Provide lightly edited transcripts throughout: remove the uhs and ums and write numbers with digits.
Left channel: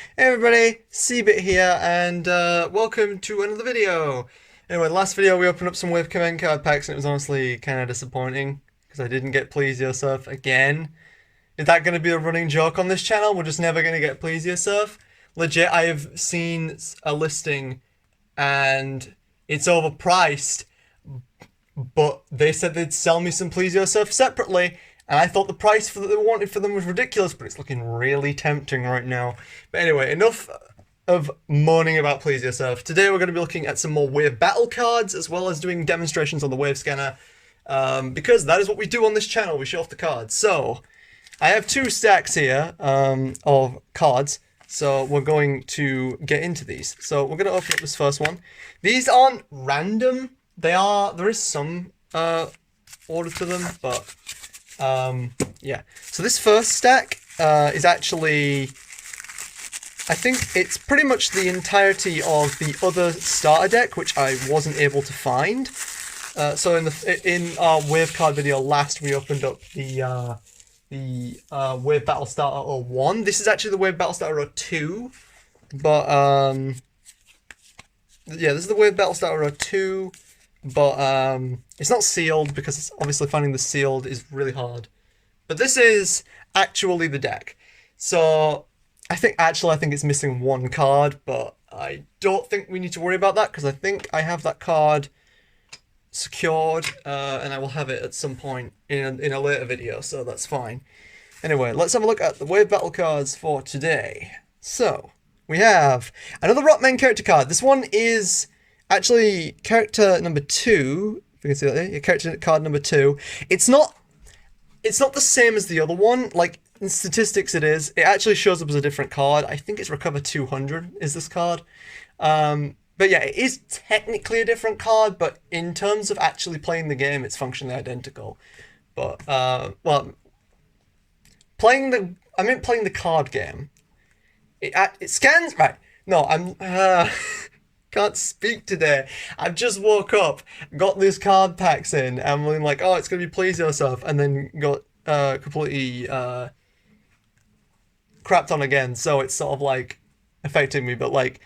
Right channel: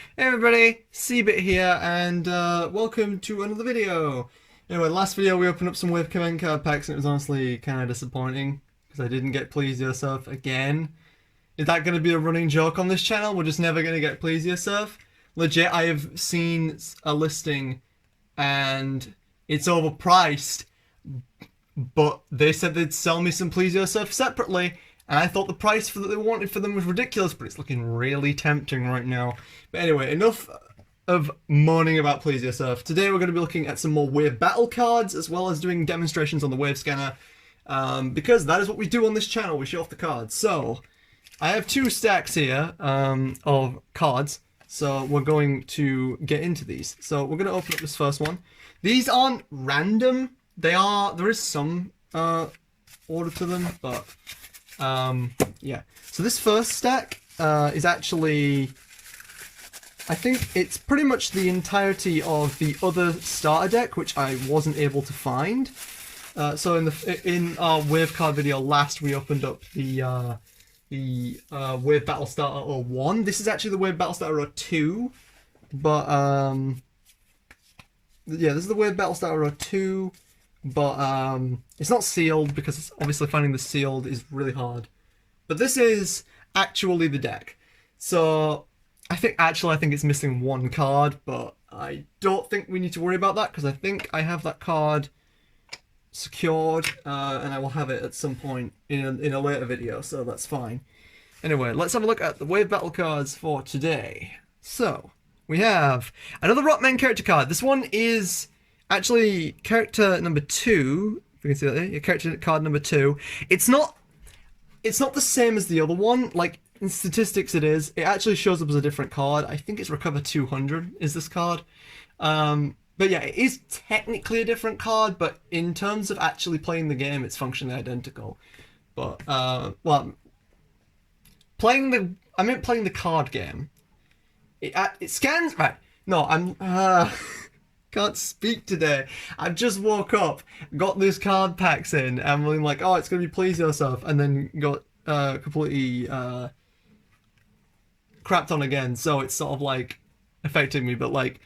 Hey everybody, C-Bit here, and welcome to another video. Anyway, last video we opened up some Wave Command card packs and it was honestly kind of disappointing because I didn't get Please Yourself again. Is that going to be a running joke on this channel? We're just never going to get Please Yourself? Legit, I have seen a listing and it's overpriced, but they said they'd sell me some Please Yourself separately. And I thought the price that they wanted for them was ridiculous, but it's looking really tempting right now. But anyway, enough of moaning about Please Yourself. Today we're going to be looking at some more Wave Battle cards, as well as doing demonstrations on the Wave Scanner, because that is what we do on this channel, we show off the cards. So, I have two stacks here of cards, so we're going to get into these. So we're going to open up this first one. These aren't random, there is some order to them, but... yeah, so this first stack is actually, I think it's pretty much the entirety of the other starter deck, which I wasn't able to find. So in our Wave card video last, we opened up the Wave Battle Starter 01. This is actually the Wave Battle Starter 02, but yeah, this is the Wave Battle Starter 02. But it's not sealed because it's obviously finding the sealed is really hard. But this is actually the deck. So I think it's missing one card, but I don't think we need to worry about that because I think I have that card secured and I will have it at some point in a later video, so that's fine. Anyway, let's have a look at the Wave Battle cards for today. So we have another Rockman character card. This one is actually character number 2, if you can see that there, your character card number 2. It's not the same as the other one. Like, in statistics it is. It actually shows up as a different card. I think it's Recover 200 is this card. But yeah, it is technically a different card, but in terms of actually playing the game, it's functionally identical. But, well, playing the card game. It scans, right, no, can't speak today. I've just woke up, got this card packs in, and I'm like, oh, it's gonna be Please Yourself, and then got completely crapped on again. So it's sort of like affecting me. But like,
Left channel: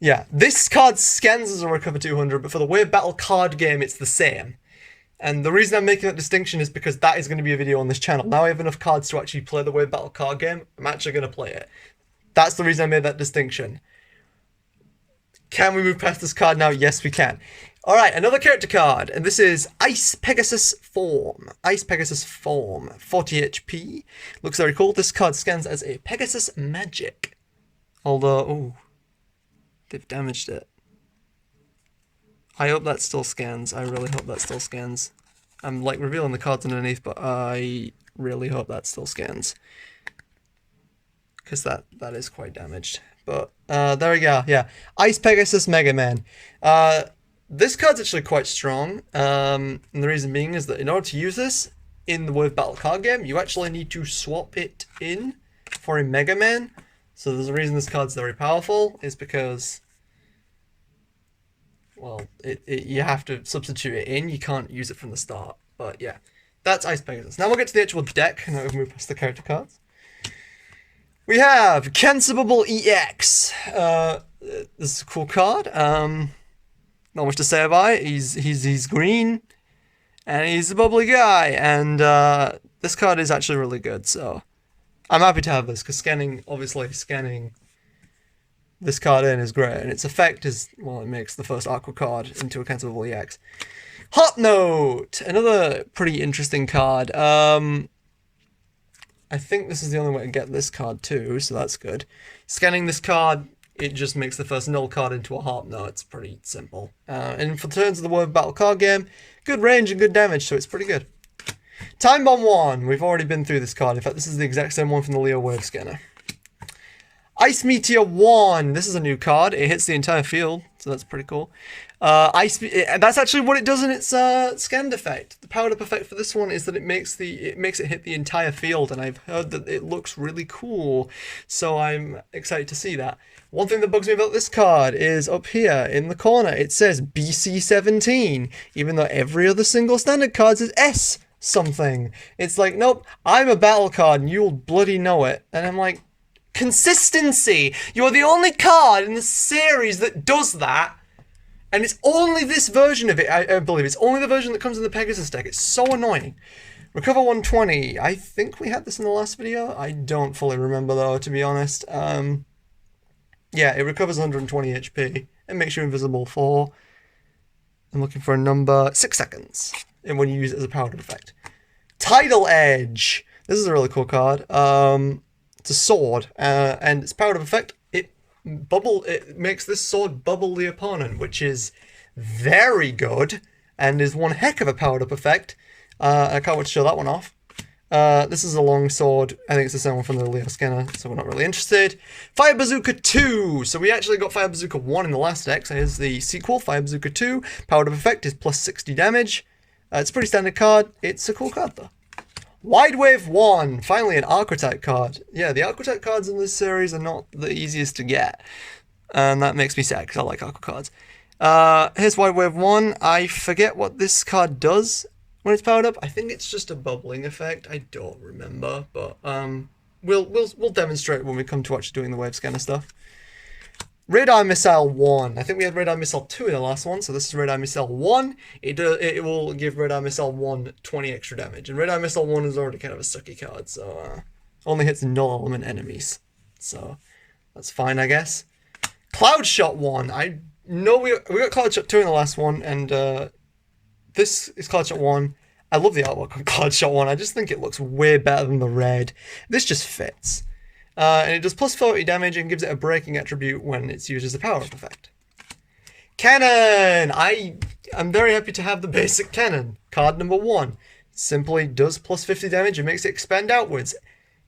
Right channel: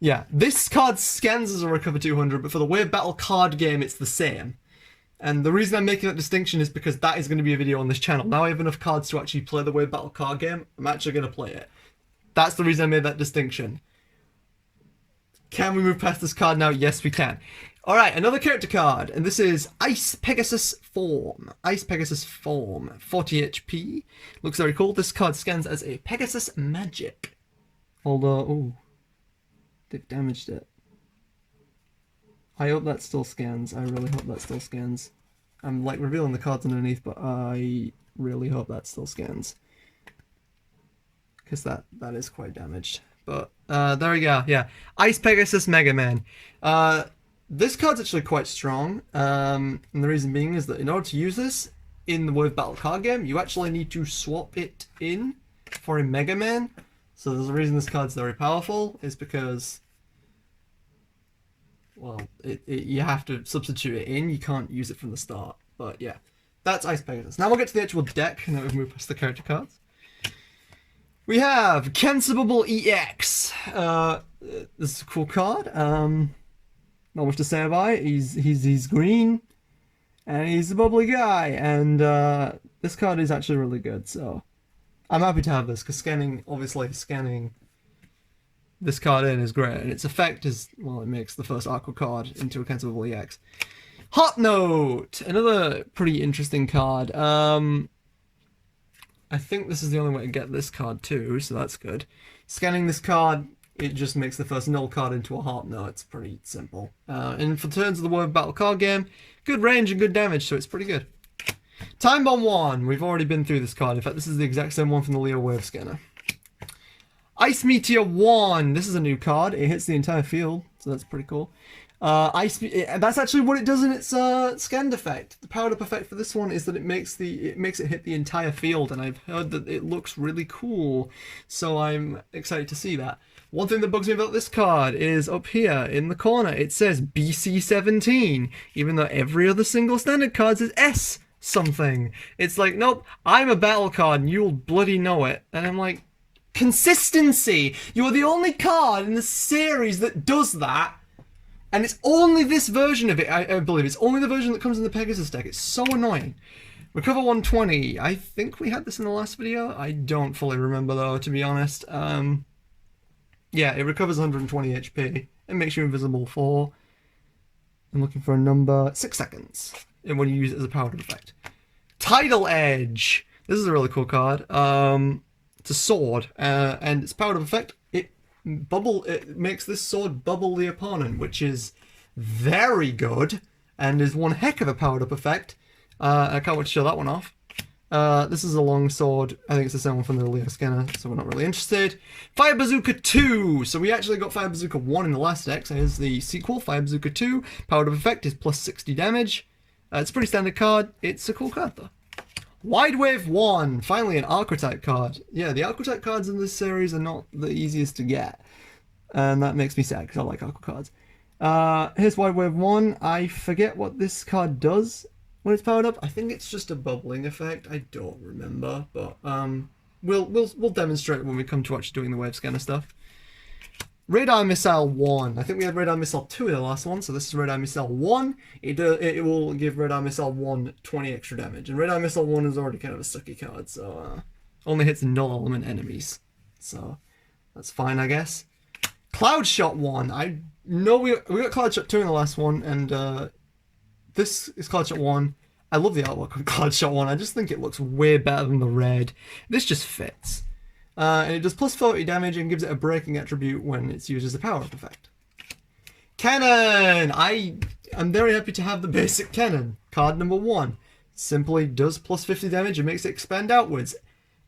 yeah, this card scans as a Recover 200, but for the Wave Battle card game, it's the same. And the reason I'm making that distinction is because that is going to be a video on this channel. Now I have enough cards to actually play the Wave Battle card game. I'm actually going to play it. That's the reason I made that distinction. Can we move past this card now? Yes, we can. Alright, another character card, and this is Ice Pegasus Form. Ice Pegasus Form, 40 HP. Looks very cool. This card scans as a Pegasus Magic. Although, ooh, they've damaged it. I hope that still scans. I really hope that still scans. I'm like revealing the cards underneath, but I really hope that still scans. Because that is quite damaged. But there we go, yeah. Ice Pegasus Megaman. This card's actually quite strong. And the reason being is that in order to use this in the Wave Battle card game, you actually need to swap it in for a Megaman. So there's a reason this card's very powerful, is because, well, you have to substitute it in. You can't use it from the start. But yeah, that's Ice Pegasus. Now we'll get to the actual deck, and then we'll move past the character cards. We have Cancellable EX. This is a cool card. Not much to say about it. He's green, and he's a bubbly guy. And this card is actually really good. So I'm happy to have this because scanning this card in is great, and its effect is, well, it makes the first Aqua card into a Cancellable EX. Hot Note, another pretty interesting card. I think this is the only way to get this card too, so that's good. Scanning this card, it just makes the first Null card into a Heart Note. It's pretty simple. And for turns of the Wave Battle card game, good range and good damage, so it's pretty good. Time Bomb 1, we've already been through this card. In fact, this is the exact same one from the Leo Wave Scanner. Ice Meteor 1, this is a new card. It hits the entire field, so that's pretty cool. That's actually what it does in its scanned effect. The powered up effect for this one is that it makes it hit the entire field, and I've heard that it looks really cool, so I'm excited to see that. One thing that bugs me about this card is up here in the corner it says BC17, even though every other single standard card says S something. It's like, nope, I'm a battle card and you'll bloody know it. And I'm like, Consistency. You are the only card in the series that does that. And it's only this version of it, I believe. It's only the version that comes in the Pegasus deck. It's so annoying. Recover 120. I think we had this in the last video. I don't fully remember though, to be honest. Yeah, it recovers 120 HP. It makes you invisible for, I'm looking for a number, 6 seconds. And when you use it as a powered effect. Tidal Edge. This is a really cool card. It's a sword, and its powered effect, it makes this sword bubble the opponent, which is very good and is one heck of a powered up effect. I can't wait to show that one off. This is a long sword. I think it's the same one from the Leo scanner, so we're not really interested. Fire Bazooka 2. So we actually got Fire Bazooka 1 in the last deck. So here's the sequel, Fire Bazooka 2. Powered up effect is plus 60 damage. It's a pretty standard card. It's a cool card though. Wide Wave 1, finally an Archetype card. Yeah, the Archetype cards in this series are not the easiest to get. And that makes me sad, because I like Archetype cards. Here's Wide Wave 1. I forget what this card does when it's powered up. I think it's just a bubbling effect. I don't remember, but we'll demonstrate when we come to actually doing the wave scanner stuff. Radar Missile 1. I think we had Radar Missile 2 in the last one, so this is Radar Missile 1. It will give Radar Missile 1 20 extra damage, and Radar Missile 1 is already kind of a sucky card, so only hits null element enemies, so that's fine, I guess. Cloud Shot 1. I know we got Cloud Shot 2 in the last one, and this is Cloud Shot 1. I love the artwork on Cloud Shot 1. I just think it looks way better than the red. This just fits. And it does plus 40 damage and gives it a breaking attribute when it's used as a power-up effect. Canon! I'm very happy to have the basic Canon. Card number 1. Simply does plus 50 damage and makes it expand outwards.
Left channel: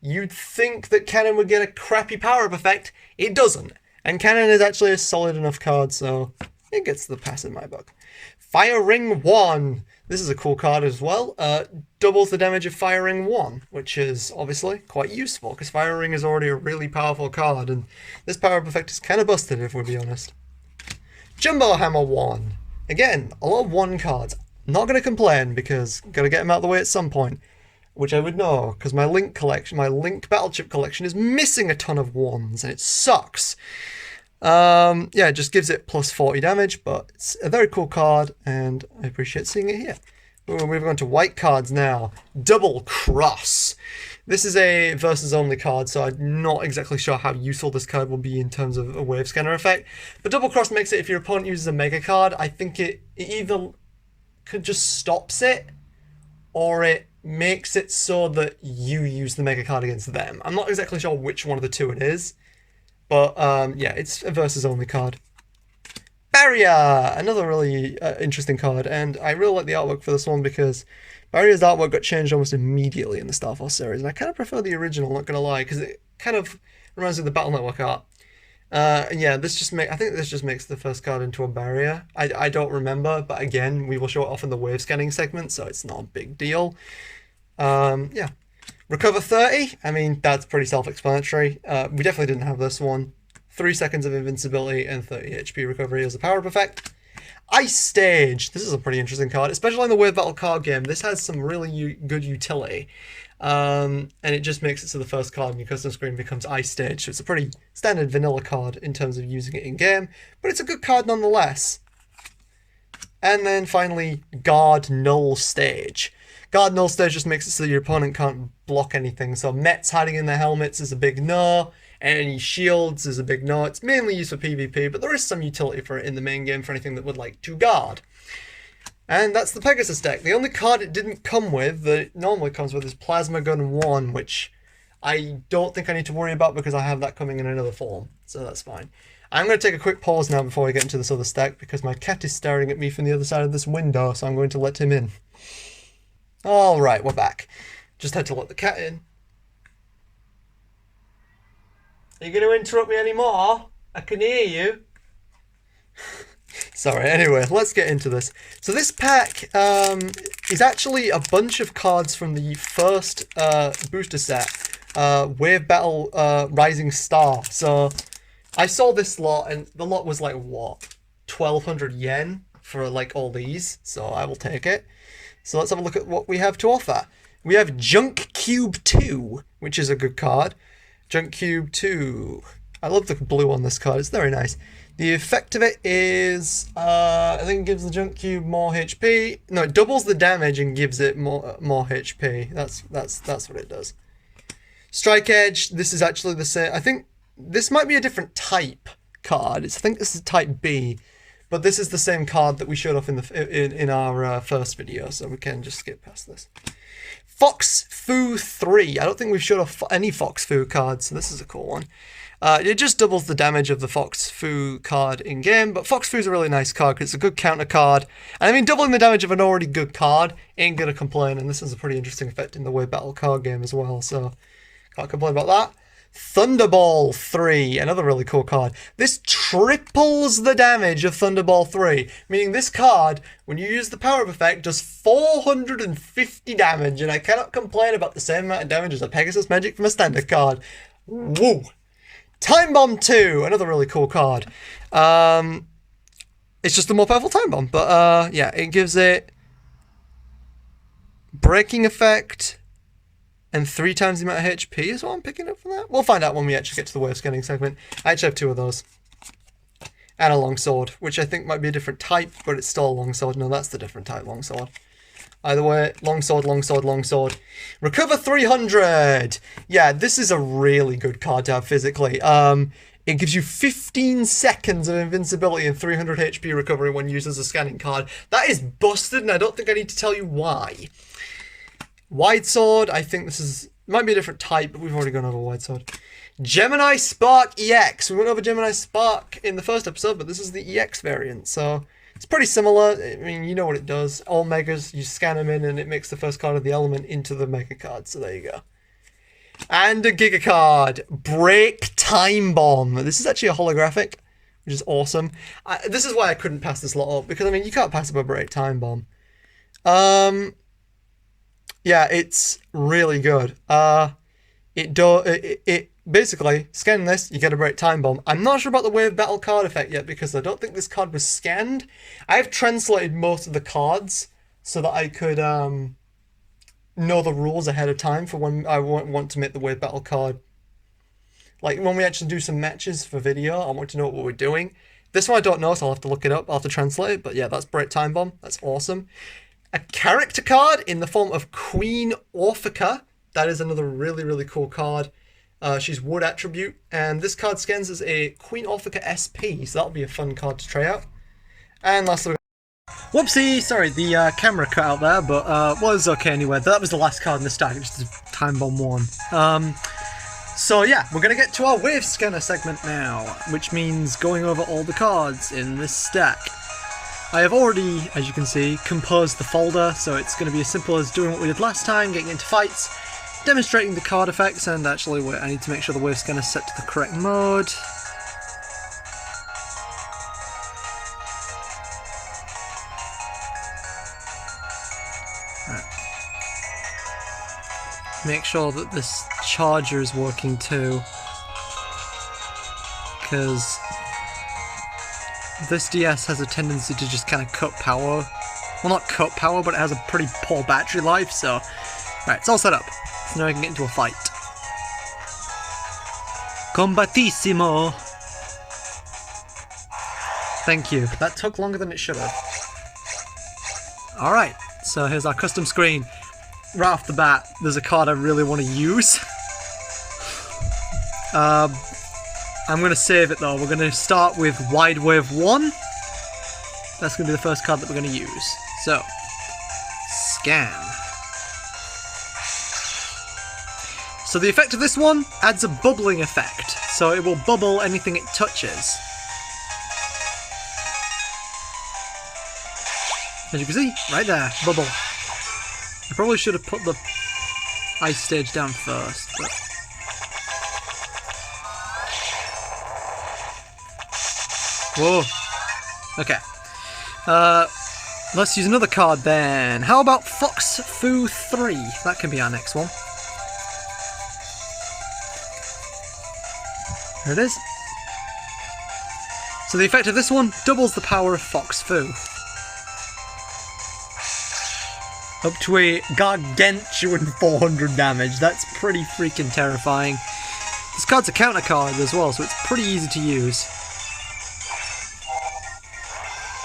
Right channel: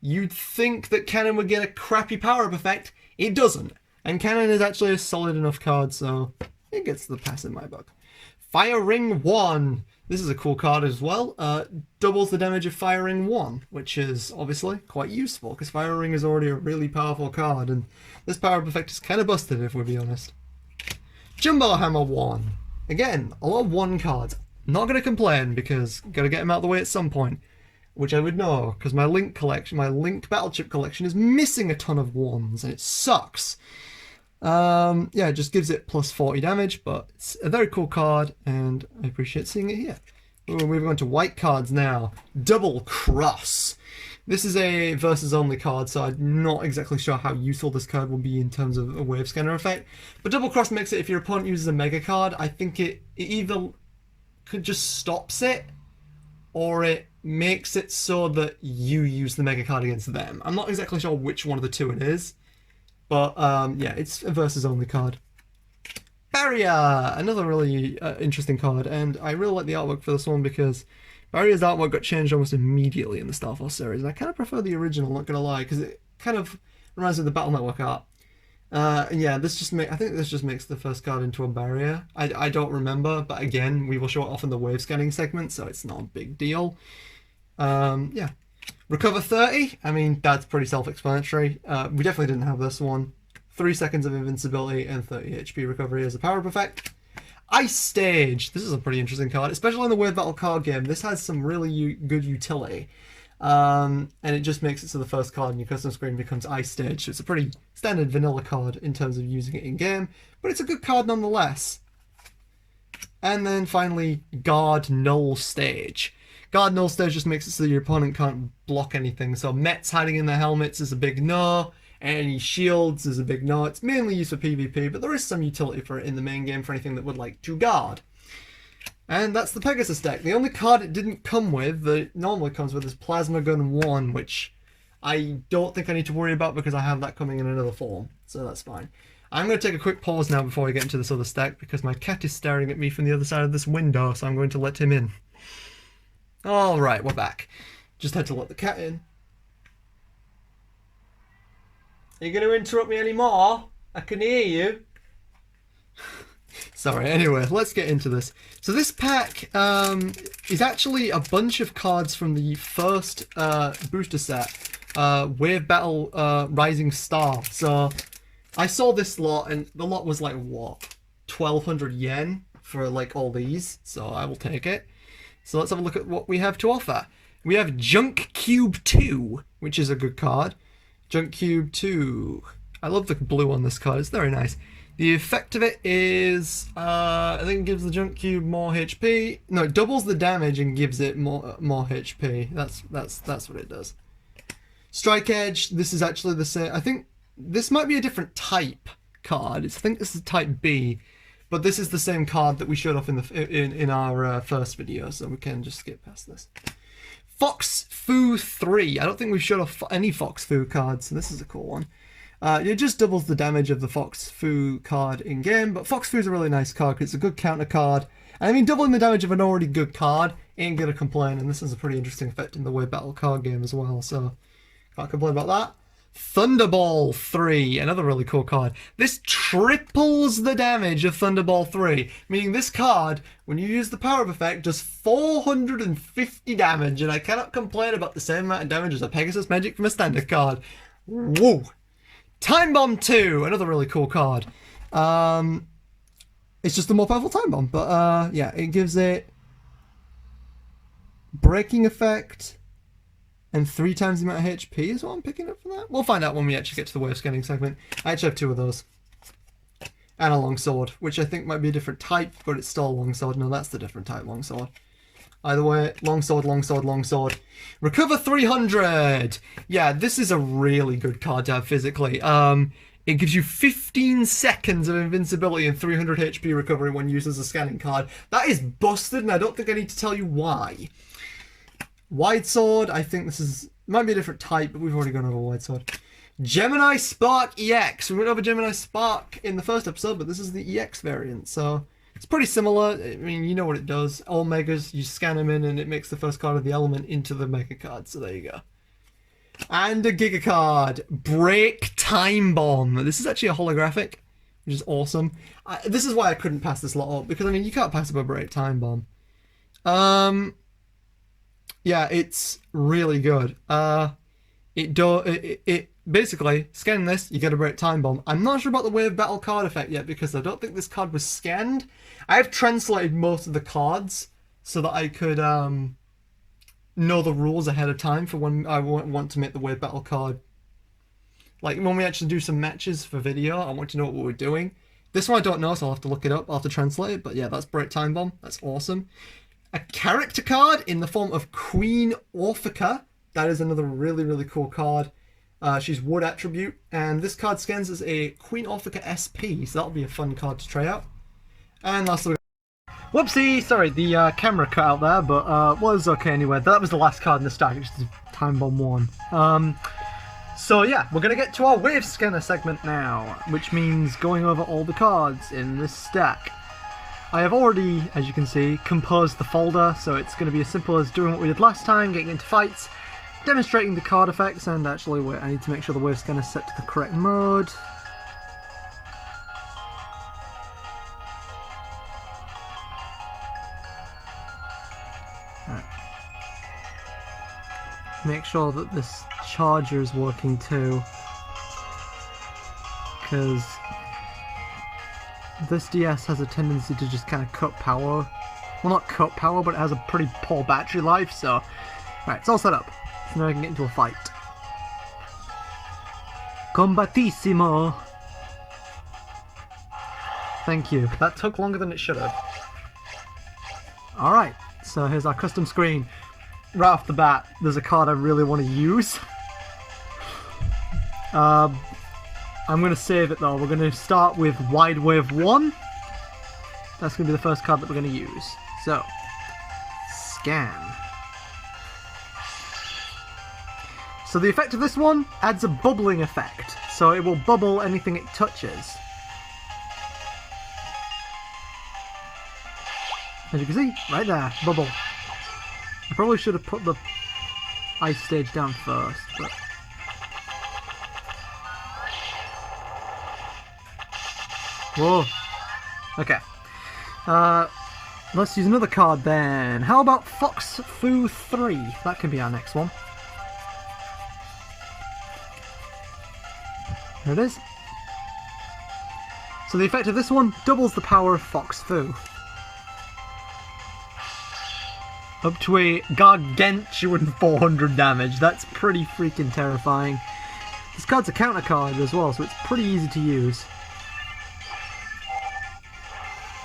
You'd think that Canon would get a crappy power-up effect. It doesn't. And Canon is actually a solid enough card, so it gets the pass in my book. Fire Ring 1. This is a cool card as well. Doubles the damage of Fire Ring 1, which is obviously quite useful, because Fire Ring is already a really powerful card, and this power-up effect is kind of busted, if we'll be honest. Jumbo Hammer 1. Again, a lot of 1 cards. Not going to complain, because got to get them out of the way at some point, which I would know, because my Link Battle Chip collection is missing a ton of 1s, and it sucks. Yeah, it just gives it plus 40 damage, but it's a very cool card, and I appreciate seeing it here. We're moving on to white cards now. Double Cross. This is a versus only card, so I'm not exactly sure how useful this card will be in terms of a wave scanner effect. But Double Cross makes it, if your opponent uses a mega card, I think it either could just stops it, or it makes it so that you use the mega card against them. I'm not exactly sure which one of the two it is. But, yeah, it's a versus only card. Barrier! Another really interesting card, and I really like the artwork for this one because Barrier's artwork got changed almost immediately in the Starforce series, and I kind of prefer the original, not gonna lie, because it kind of reminds me of the Battle Network art. And yeah, I think this just makes the first card into a Barrier. I don't remember, but again, we will show it off in the wave scanning segment, so it's not a big deal. Yeah. Recover 30, I mean, that's pretty self-explanatory. We definitely didn't have this one. 3 seconds of invincibility and 30 HP recovery as a power-up effect. Ice Stage. This is a pretty interesting card, especially in the Wave Battle card game. This has some really good utility. And it just makes it so the first card in your custom screen becomes Ice Stage. So it's a pretty standard vanilla card in terms of using it in-game, but it's a good card nonetheless. And then finally, Guard Null Stage. Guard Null Stage just makes it so your opponent can't block anything. So Mets hiding in their helmets is a big no. Any shields is a big no. It's mainly used for PvP, but there is some utility for it in the main game for anything that would like to guard. And that's the Pegasus deck. The only card it didn't come with, that it normally comes with, is Plasma Gun 1, which I don't think I need to worry about because I have that coming in another form. So that's fine. I'm going to take a quick pause now before we get into this other stack because my cat is staring at me from the other side of this window, so I'm going to let him in. Alright, we're back. Just had to let the cat in. Are you going to interrupt me anymore? I can hear you. Sorry, anyway, let's get into this. So this pack is actually a bunch of cards from the first booster set, Wave Battle Rising Star. So I saw this lot, and the lot was like, what, 1,200 yen for like all these, so I will take it. So let's have a look at what we have to offer. We have Junk Cube 2, which is a good card. Junk Cube 2. I love the blue on this card, it's very nice. The effect of it is, I think it gives the Junk Cube more HP. No, it doubles the damage and gives it more HP. That's what it does. Strike Edge, this is actually the same. I think this might be a different type card. I think this is type B, but this is the same card that we showed off in our first video, so we can just skip past this. Fox Fu 3. I don't think we've showed off any Fox Fu cards, so this is a cool one. It just doubles the damage of the Fox Fu card in game, but Fox Fu's a really nice card because it's a good counter card. And I mean, doubling the damage of an already good card ain't gonna complain, and this is a pretty interesting effect in the way battle card game as well, so can't complain about that. Thunderball 3, another really cool card. This triples the damage of Thunderball 3, meaning this card, when you use the power-up effect, does 450 damage, and I cannot complain about the same amount of damage as a Pegasus Magic from a standard card. Woo! Time Bomb 2, another really cool card. It's just a more powerful Time Bomb, but yeah, it gives it breaking effect and 3 times the amount of HP is what I'm picking up from that. We'll find out when we actually get to the wave scanning segment. I actually have 2 of those. And a longsword, which I think might be a different type, but it's still a longsword. No, that's the different type longsword. Either way, longsword, longsword, longsword. Recover 300! Yeah, this is a really good card to have physically. It gives you 15 seconds of invincibility and 300 HP recovery when used as a scanning card. That is busted, and I don't think I need to tell you why. Wide Sword, I think this is... might be a different type, but we've already gone over Wide Sword. Gemini Spark EX. We went over Gemini Spark in the first episode, but this is the EX variant, so... it's pretty similar. I mean, you know what it does. All megas, you scan them in and it makes the first card of the element into the mega card. So there you go. And a Giga card. Break Time Bomb. This is actually a holographic, which is awesome. This is why I couldn't pass this lot up, because, I mean, you can't pass up a Break Time Bomb. Yeah, it's really good. It basically, scanning this, you get a Break Time Bomb. I'm not sure about the Wave Battle card effect yet, because I don't think this card was scanned. I have translated most of the cards so that I could know the rules ahead of time for when I want to make the Wave Battle card. Like, when we actually do some matches for video, I want to know what we're doing. This one I don't know, so I'll have to look it up. I'll have to translate it, but yeah, that's Break Time Bomb. That's awesome. A character card in the form of Queen Orphica. That is another really, really cool card. She's Wood attribute, and this card scans as a Queen Orphica SP, so that'll be a fun card to try out. And lastly, whoopsie, sorry, the camera cut out there, but well, it's okay anyway. That was the last card in the stack, just a Time Bomb 1. So yeah, we're gonna get to our wave scanner segment now, which means going over all the cards in this stack. I have already, as you can see, composed the folder, so it's going to be as simple as doing what we did last time, getting into fights, demonstrating the card effects, and actually wait, I need to make sure the wave scanner is set to the correct mode. Right. Make sure that this charger is working too, because this DS has a tendency to just kind of cut power. Well, not cut power, but it has a pretty poor battery life, so... Right, it's all set up. So now I can get into a fight. Combatissimo! Thank you. That took longer than it should have. Alright, so here's our custom screen. Right off the bat, there's a card I really want to use. I'm going to save it though. We're going to start with Wide Wave 1. That's going to be the first card that we're going to use. So, scan. So the effect of this one adds a bubbling effect. So it will bubble anything it touches. As you can see, right there, bubble. I probably should have put the ice stage down first, but... Whoa. Okay. Let's use another card then. How about Fox Fu 3? That can be our next one. There it is. So the effect of this one doubles the power of Fox Fu. Up to a gargantuan 400 damage. That's pretty freaking terrifying. This card's a counter card as well, so it's pretty easy to use.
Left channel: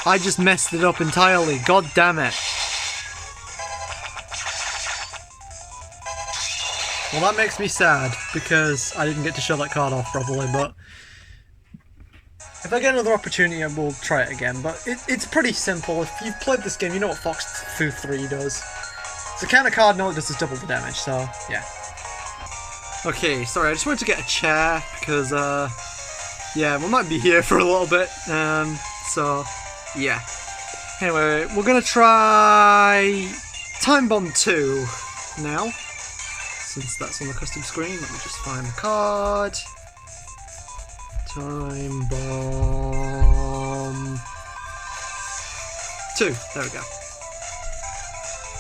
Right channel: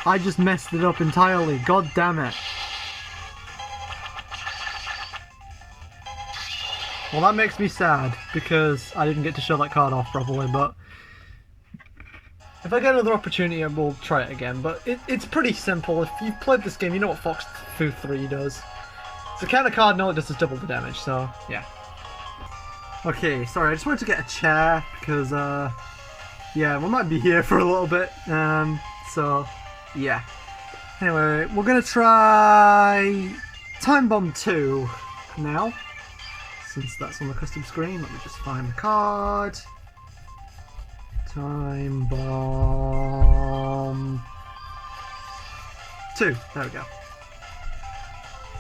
I just messed it up entirely, god damn it. Well, that makes me sad, because I didn't get to show that card off properly, but if I get another opportunity, I will try it again. But it's pretty simple. If you've played this game, you know what Fox Fu 3 does. It's a counter card, and all it does is double the damage, so yeah. Okay, sorry, I just wanted to get a chair, because, yeah, we might be here for a little bit, so, yeah. Anyway, we're gonna try Time Bomb 2 now. Since that's on the custom screen, let me just find the card. Time Bomb 2. There we go.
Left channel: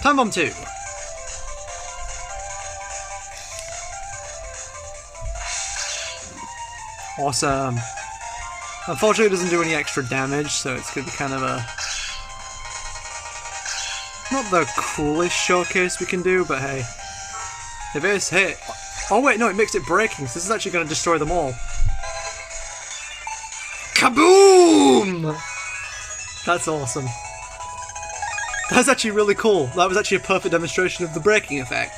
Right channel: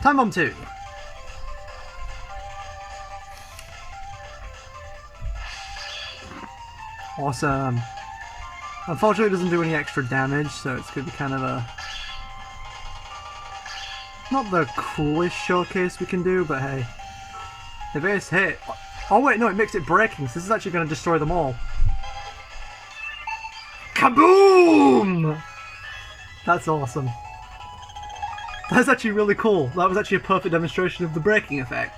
Time Bomb 2. Awesome. Unfortunately, it doesn't do any extra damage, so it's going to be kind of a... not the coolest showcase we can do, but hey. If it's hit... oh wait, no, it makes it breaking, so this is actually going to destroy them all. Kaboom! That's awesome. That's actually really cool. That was actually a perfect demonstration of the breaking effect.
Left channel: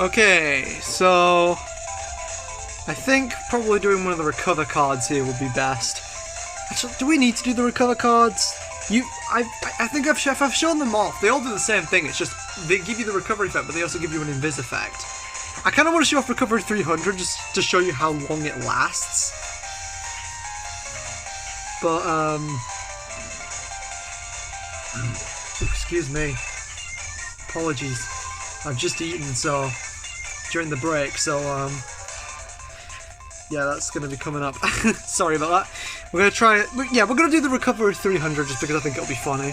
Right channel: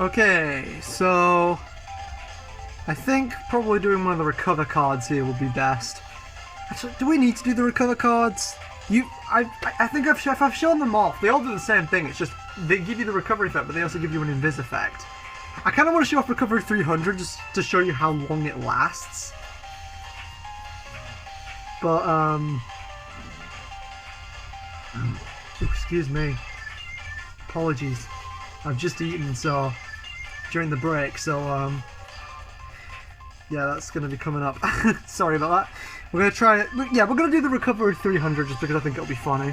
Okay, so... I think probably doing one of the recover cards here would be best. Actually, do we need to do the recover cards? I think if I've shown them off, they all do the same thing. It's just they give you the recovery effect, but they also give you an invis effect. I kind of want to show off Recovery 300 just to show you how long it lasts. But excuse me. Apologies. I've just eaten during the break, so yeah, that's going to be coming up. Sorry about that. We're going to try it. Yeah, we're going to do the Recovery 300 just because I think it'll be funny.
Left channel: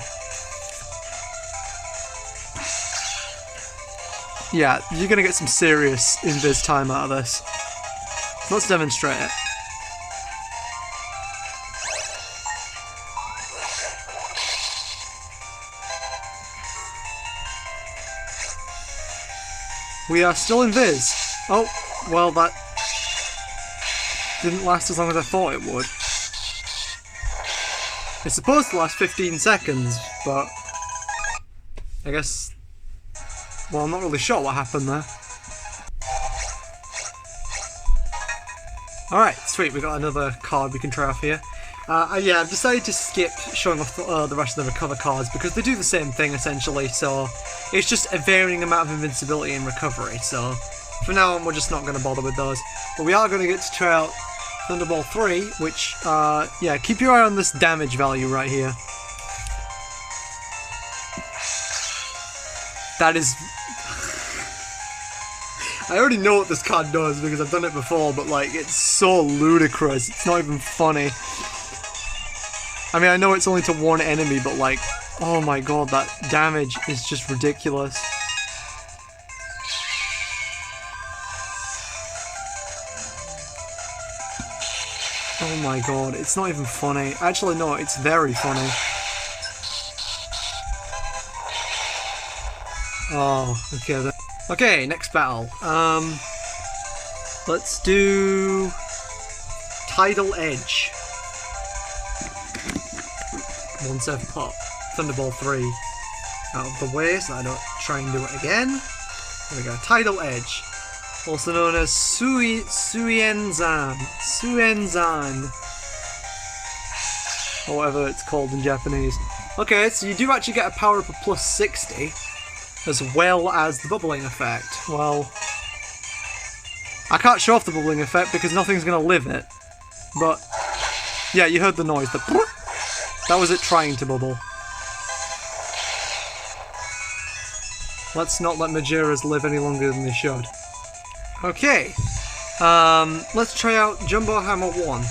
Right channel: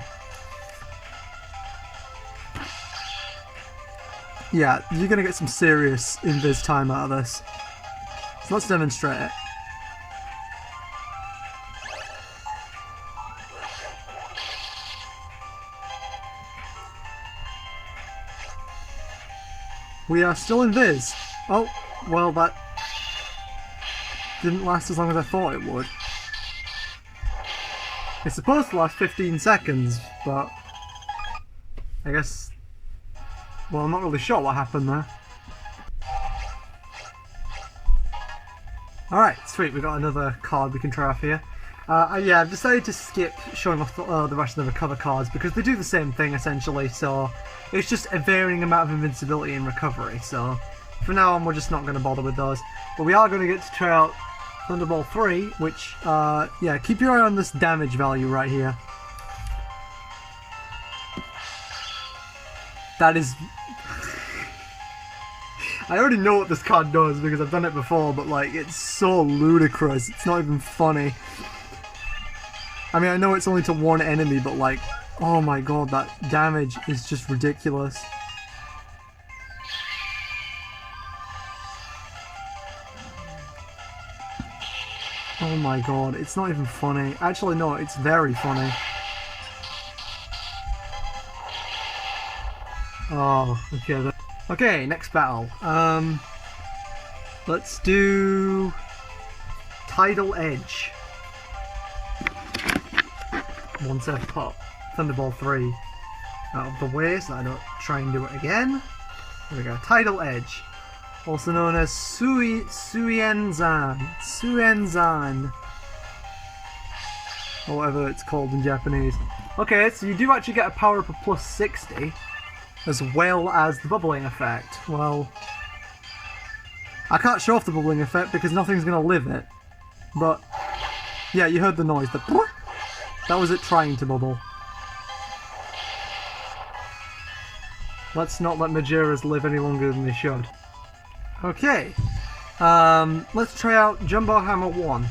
Yeah, you're going to get some serious invis time out of this. So let's demonstrate it. We are still invis. Oh, well, that didn't last as long as I thought it would. It's supposed to last 15 seconds, but I guess... well, I'm not really sure what happened there. Alright, sweet, we got another card we can try off here. Yeah, I've decided to skip showing off the rest of the recover cards because they do the same thing essentially, so it's just a varying amount of invincibility and recovery, so for now on we're just not going to bother with those. But we are going to get to try out Thunderball 3, which, yeah, keep your eye on this damage value right here. That is... I already know what this card does because I've done it before, but like, it's so ludicrous, it's not even funny. I mean, I know it's only to one enemy, but like, oh my god, that damage is just ridiculous. Oh my god, it's not even funny. Actually, no, it's very funny. Oh, okay. Okay, next battle. Let's do Tidal Edge. Once I've put Thunderball 3 out of the way so I don't try and do it again. There we go. Tidal Edge. Also known as Suenzan. Or whatever it's called in Japanese. Okay, so you do actually get a power up of plus 60. As well as the bubbling effect. Well, I can't show off the bubbling effect because nothing's going to live it. But, yeah, you heard the noise. That was it trying to bubble. Let's not let Majoras live any longer than they should. Okay. Let's try out Jumbo Hammer 1.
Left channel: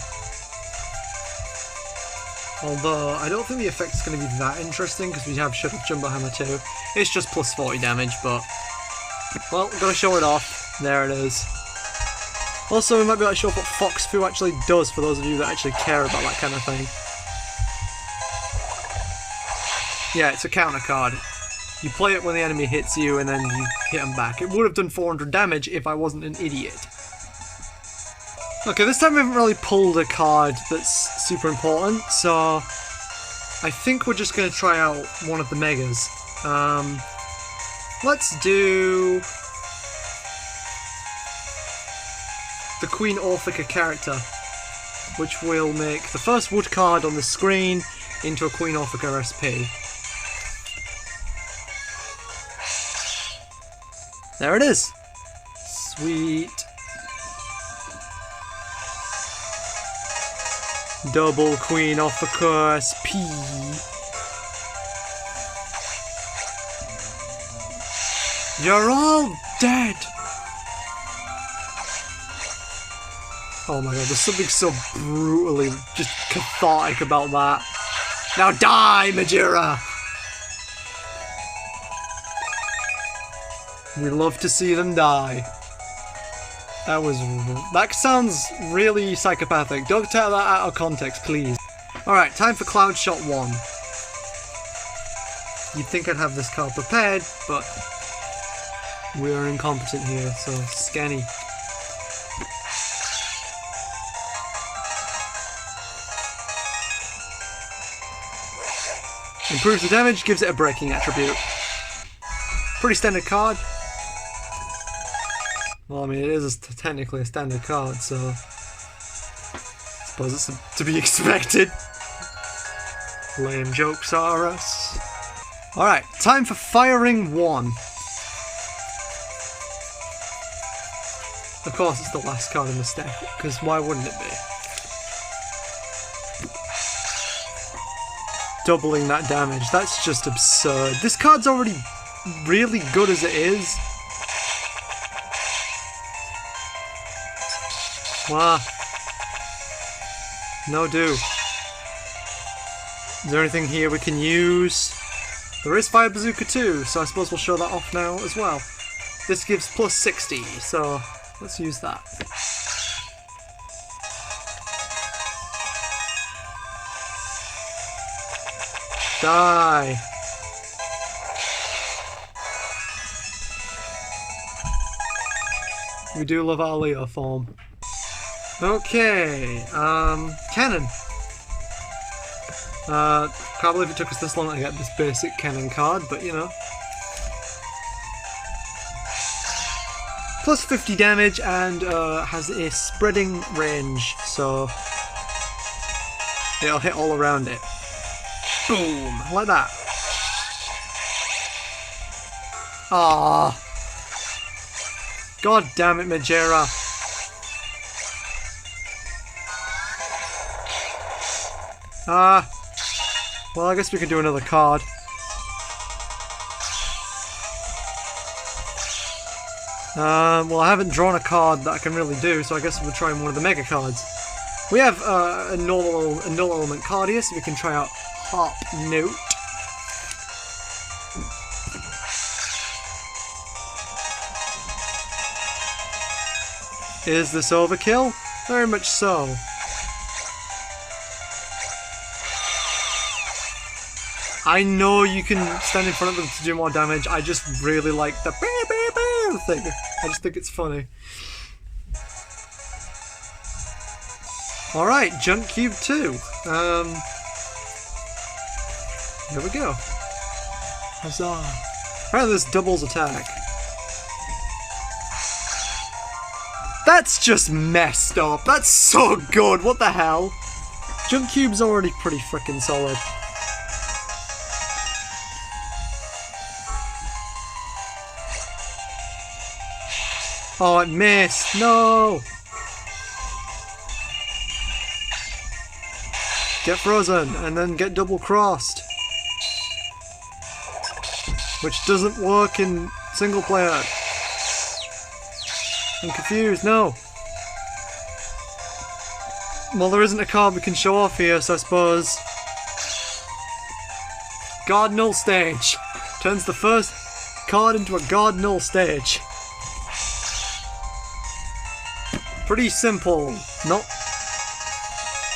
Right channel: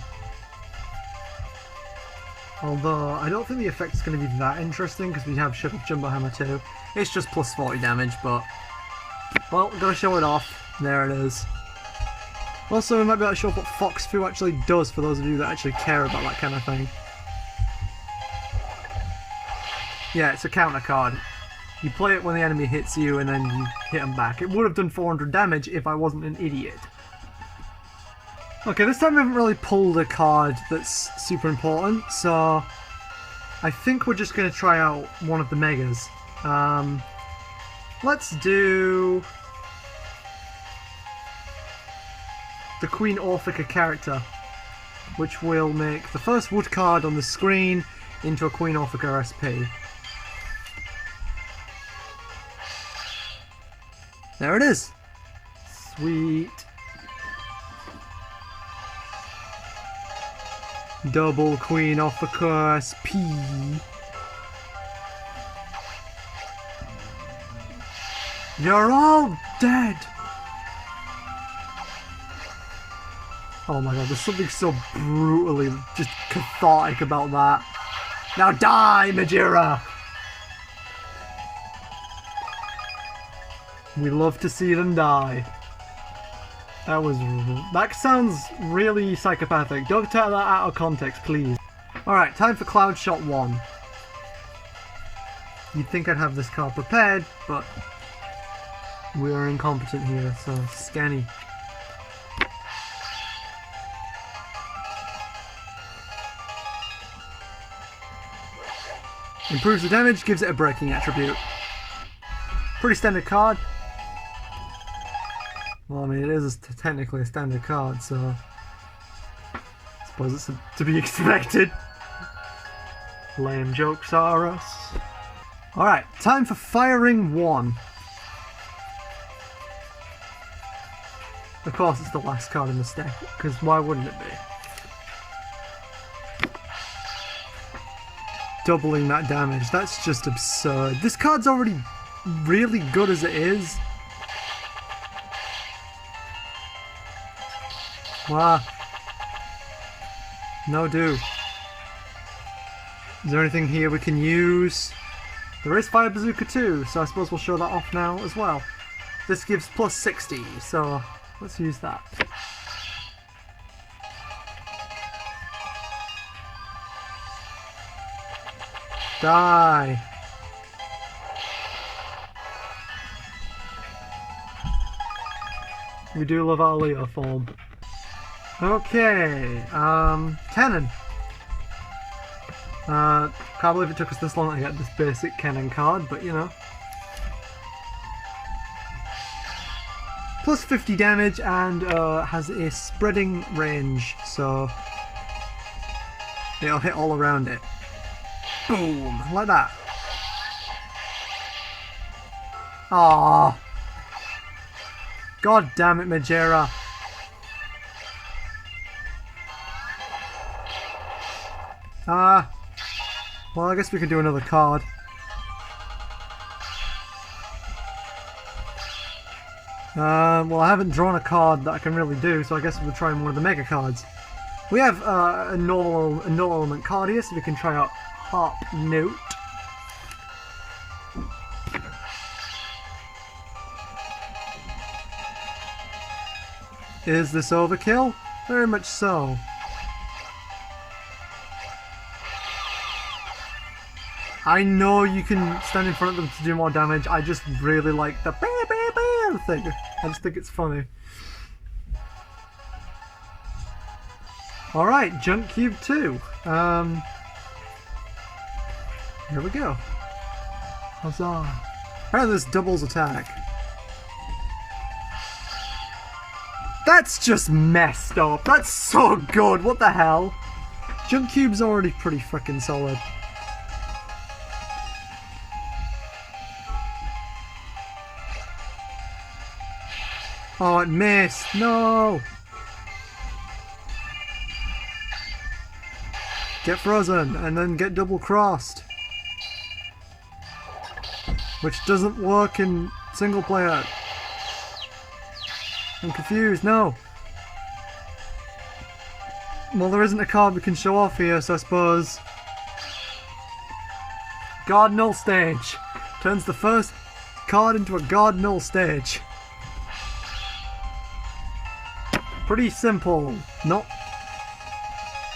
Although, I don't think the effect is going to be that interesting because we have Shut Up Jumbo Hammer 2. It's just plus 40 damage, but... well, gotta show it off. There it is. Also, we might be able to show up what Fox Fu actually does for those of you that actually care about that kind of thing. Yeah, it's a counter card. You play it when the enemy hits you and then you hit them back. It would have done 400 damage if I wasn't an idiot. Okay, this time we haven't really pulled a card that's super important, so I think we're just going to try out one of the Megas. Let's do the Queen Orphica character, which will make the first wood card on the screen into a Queen Orphica SP. There it is. Sweet. Double Queen Orphica SP. You're all dead! Oh my god, there's something so brutally just cathartic about that. Now die, Majira! We love to see them die. That sounds really psychopathic. Don't take that out of context, please. Alright, time for Cloud Shot 1. You'd think I'd have this card prepared, but we are incompetent here, so scanny. Improves the damage, gives it a breaking attribute. Pretty standard card. Well, I mean, it is technically a standard card, so I suppose it's to be expected. Lame jokes are us. Alright, time for firing 1. Of course, it's the last card in the stack, because why wouldn't it be? Doubling that damage, that's just absurd. This card's already really good as it is. Wow. No do. Is there anything here we can use? There is Fire Bazooka too, so I suppose we'll show that off now as well. This gives plus 60, so let's use that. Die. We do love our Leo form. Okay, Canon. Can't believe it took us this long to get this basic Canon card, but you know. Plus 50 damage and has a spreading range, so it'll hit all around it. Boom, like that. Ah, god damn it, Majera. Well, I guess we can do another card. Well, I haven't drawn a card that I can really do, so I guess we'll try one of the Mega cards. We have a null element card here, so we can try out Harp Note. Is this overkill? Very much so. I know you can stand in front of them to do more damage, I just really like the thing. I just think it's funny. Alright, Junk Cube 2. Here we go. Huzzah. Apparently this doubles attack. That's just messed up. That's so good. What the hell? Junk Cube's already pretty freaking solid. Oh, it missed. No. Get frozen and then get double crossed. Which doesn't work in single player. I'm confused. No. Well, there isn't a card we can show off here, so I suppose. Guard Null stage. Turns the first card into a Guard Null stage. Pretty simple. No.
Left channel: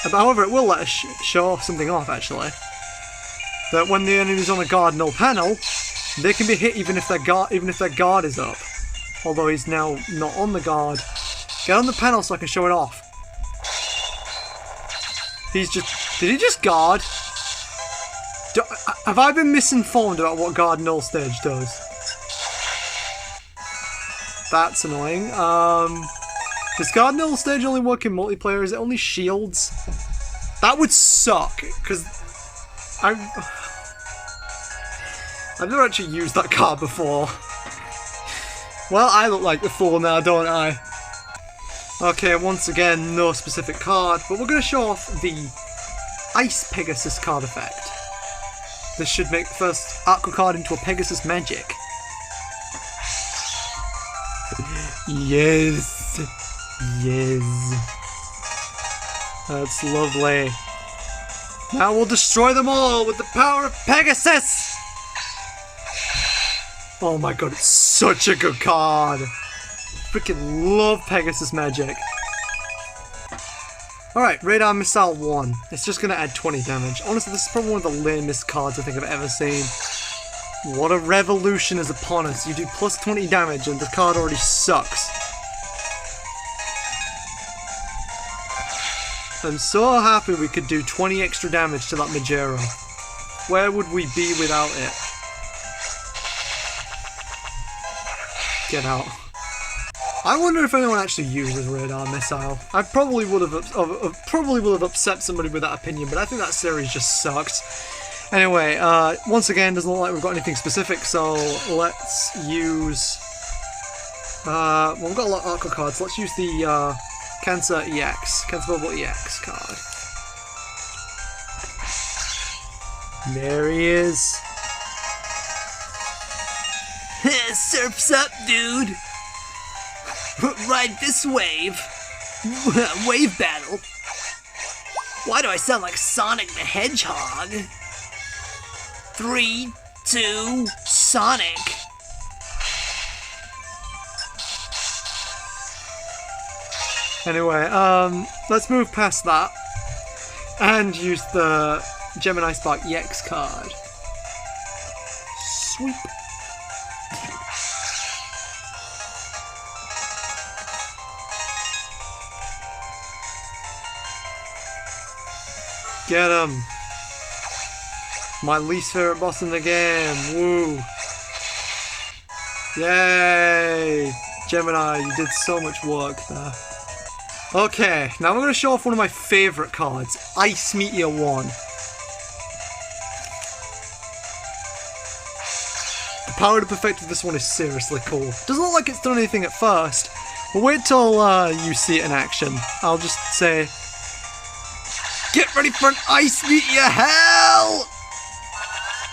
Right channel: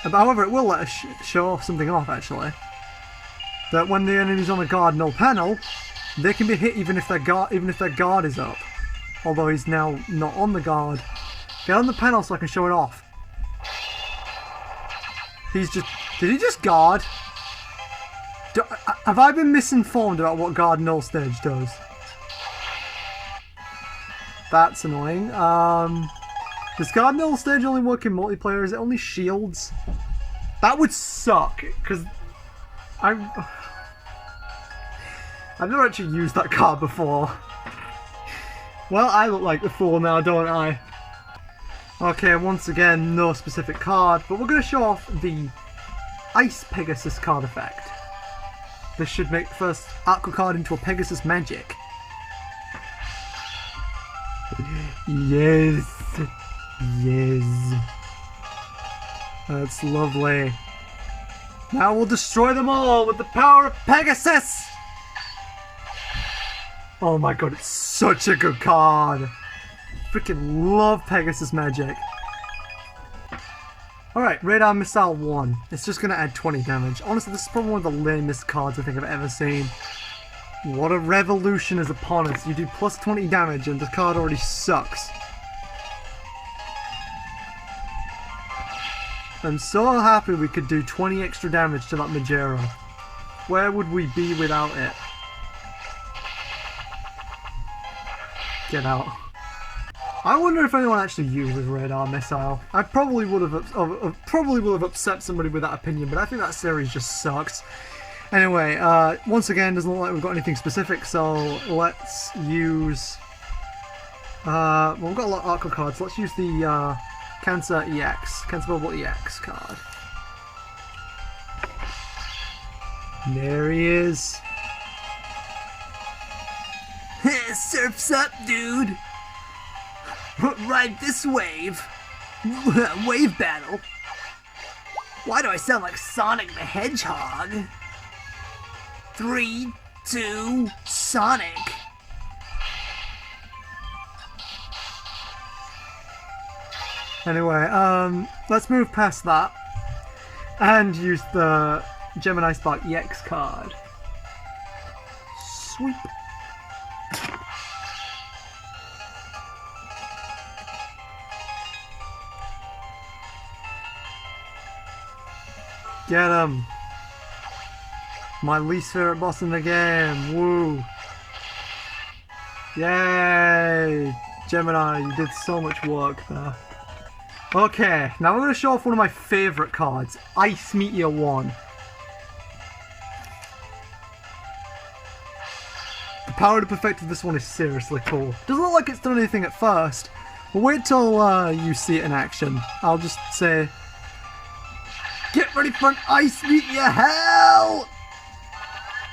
However, it will let us show something off, actually. That when the enemy's on the Guard Null panel, they can be hit even if their guard is up. Although he's now not on the guard. Get on the panel so I can show it off. He's just... Did he just guard? Have I been misinformed about what guard Null stage does? That's annoying. Does guard Null stage only work in multiplayer? Is it only shields? That would suck, because I've never actually used that card before. Well, I look like the fool now, don't I? Okay, once again, no specific card, but we're going to show off the Ice Pegasus card effect. This should make the first Aqua card into a Pegasus magic. Yes! Yes! That's lovely. Now we'll destroy them all with the power of Pegasus! Oh my god, it's such a good card! Freaking love Pegasus magic. Alright, Radar Missile 1. It's just gonna add 20 damage. Honestly, this is probably one of the lamest cards I think I've ever seen. What a revolution is upon us. You do plus 20 damage and the card already sucks. I'm so happy we could do 20 extra damage to that Majero. Where would we be without it? Get out. I wonder if anyone actually uses Radar Missile. I probably would have upset somebody with that opinion, but I think that series just sucks. Anyway, once again, doesn't look like we've got anything specific, so let's use... well, we've got a lot of Aqua cards. Let's use the Cancer EX, Cancer Bubble EX card. There he is. Surf's up, dude. Ride this wave. Wave battle. Why do I sound like Sonic the Hedgehog? 3, 2, Sonic. Anyway, let's move past that and use the Gemini Spark EX card. Sweep. Get him! My least favorite boss in the game. Woo! Yay! Gemini, you did so much work there. Okay, now I'm going to show off one of my favorite cards, Ice Meteor 1. The power to perfect of this one is seriously cool. Doesn't look like it's done anything at first. We'll wait till you see it in action. I'll just say, get ready for an Ice Meteor hell!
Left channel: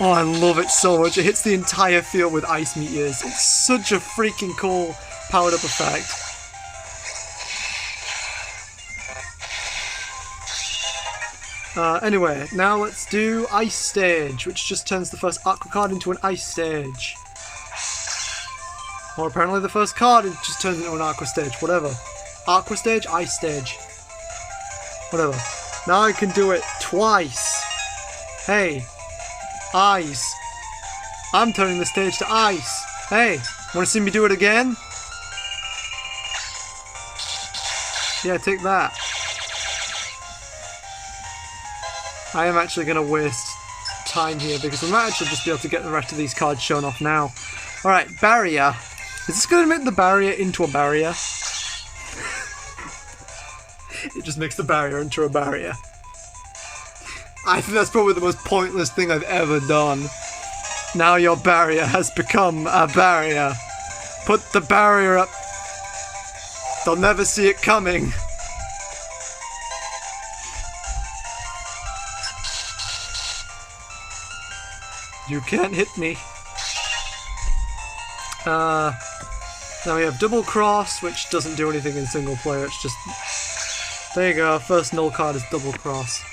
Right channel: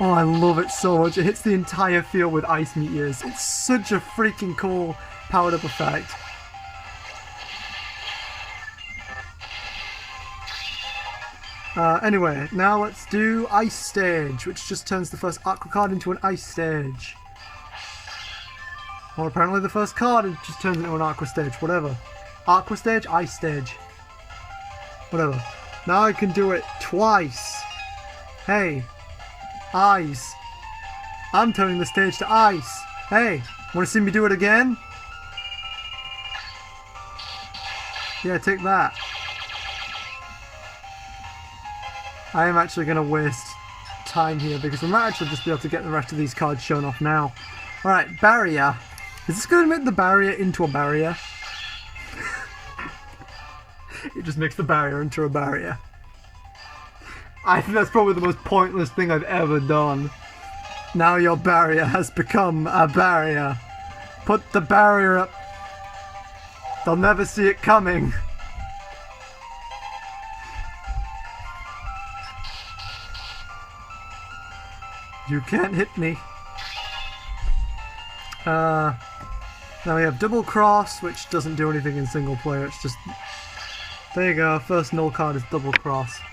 Oh, I love it so much. It hits the entire field with ice meteors. It's such a freaking cool powered up effect. Anyway, now let's do Ice Stage, which just turns the first Aqua card into an Ice Stage. Or apparently the first card just turns into an Aqua Stage, whatever. Aqua Stage, Ice Stage. Whatever. Now I can do it twice. Hey. Ice. I'm turning the stage to ice. Hey, want to see me do it again? Yeah, take that. I am actually going to waste time here because we might actually just be able to get the rest of these cards shown off now. Alright, barrier. Is this going to make the barrier into a barrier? It just makes the barrier into a barrier. I think that's probably the most pointless thing I've ever done. Now your barrier has become a barrier. Put the barrier up. They'll never see it coming. You can't hit me. Now we have Double Cross, which doesn't do anything in single player. It's just... There you go, first Null card is Double Cross.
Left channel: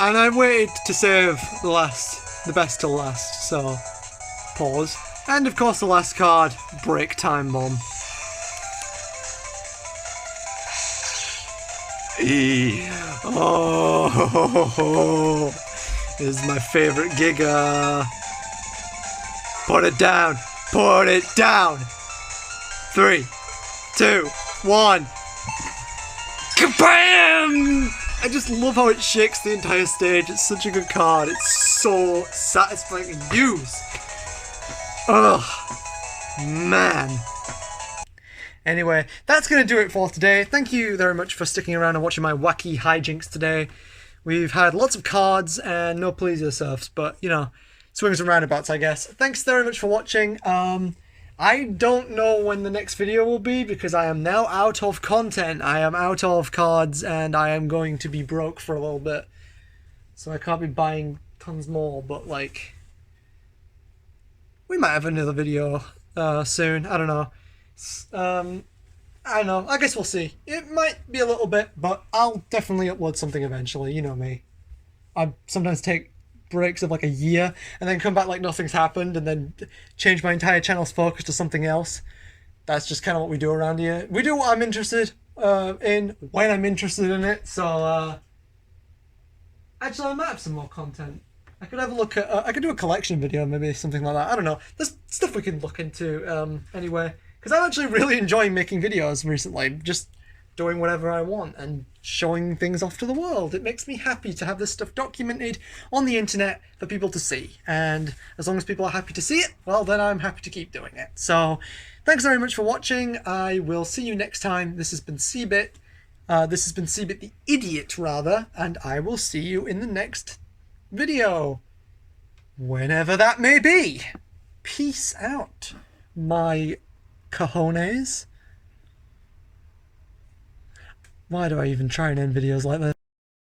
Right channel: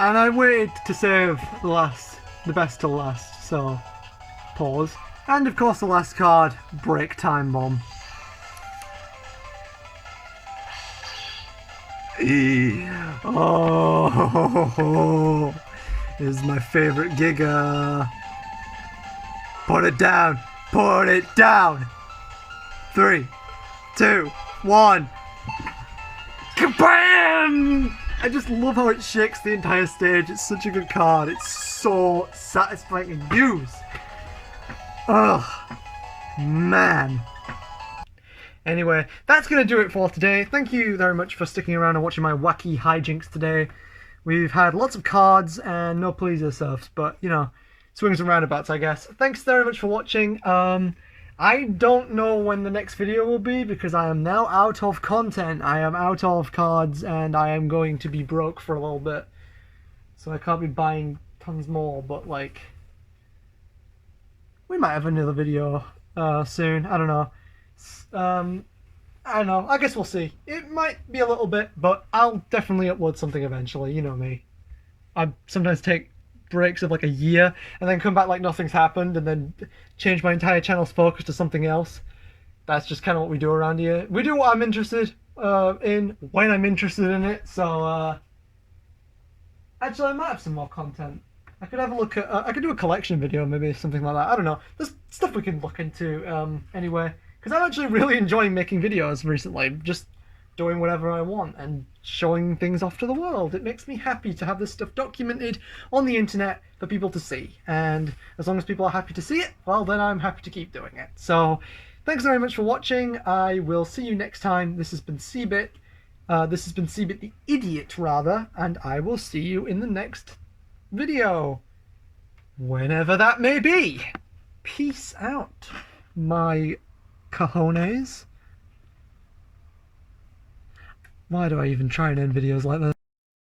And I waited to save the best till last, so pause. And of course the last card, Break Time Bomb. Oh, this is my favorite Giga. Put it down, put it down. 3, 2, 1. Kabam! I just love how it shakes the entire stage. It's such a good card. It's so satisfying to use. Ugh. Man. Anyway, that's going to do it for today. Thank you very much for sticking around and watching my wacky hijinks today. We've had lots of cards and no please yourselves, but, you know, swings and roundabouts, I guess. Thanks very much for watching. I don't know when the next video will be because I am now out of content. I am out of cards and I am going to be broke for a little bit. So I can't be buying tons more, but, like, we might have another video soon. I don't know. I don't know. I guess we'll see. It might be a little bit, but I'll definitely upload something eventually. You know me. I sometimes take breaks of like a year and then come back like nothing's happened and then change my entire channel's focus to something else. That's just kind of what we do around here. We do what I'm interested in when I'm interested in it. So actually I might have some more content. I could have a look at I could do a collection video, maybe something like that. I don't know. There's stuff we can look into anyway. Because I'm actually really enjoying making videos recently, just doing whatever I want and showing things off to the world. It makes me happy to have this stuff documented on the internet for people to see. And as long as people are happy to see it, well, then I'm happy to keep doing it. So thanks very much for watching. I will see you next time. This has been Cbit. This has been Cbit the Idiot, rather. And I will see you in the next video. Whenever that may be. Peace out, my cojones. Why do I even try and end videos like this?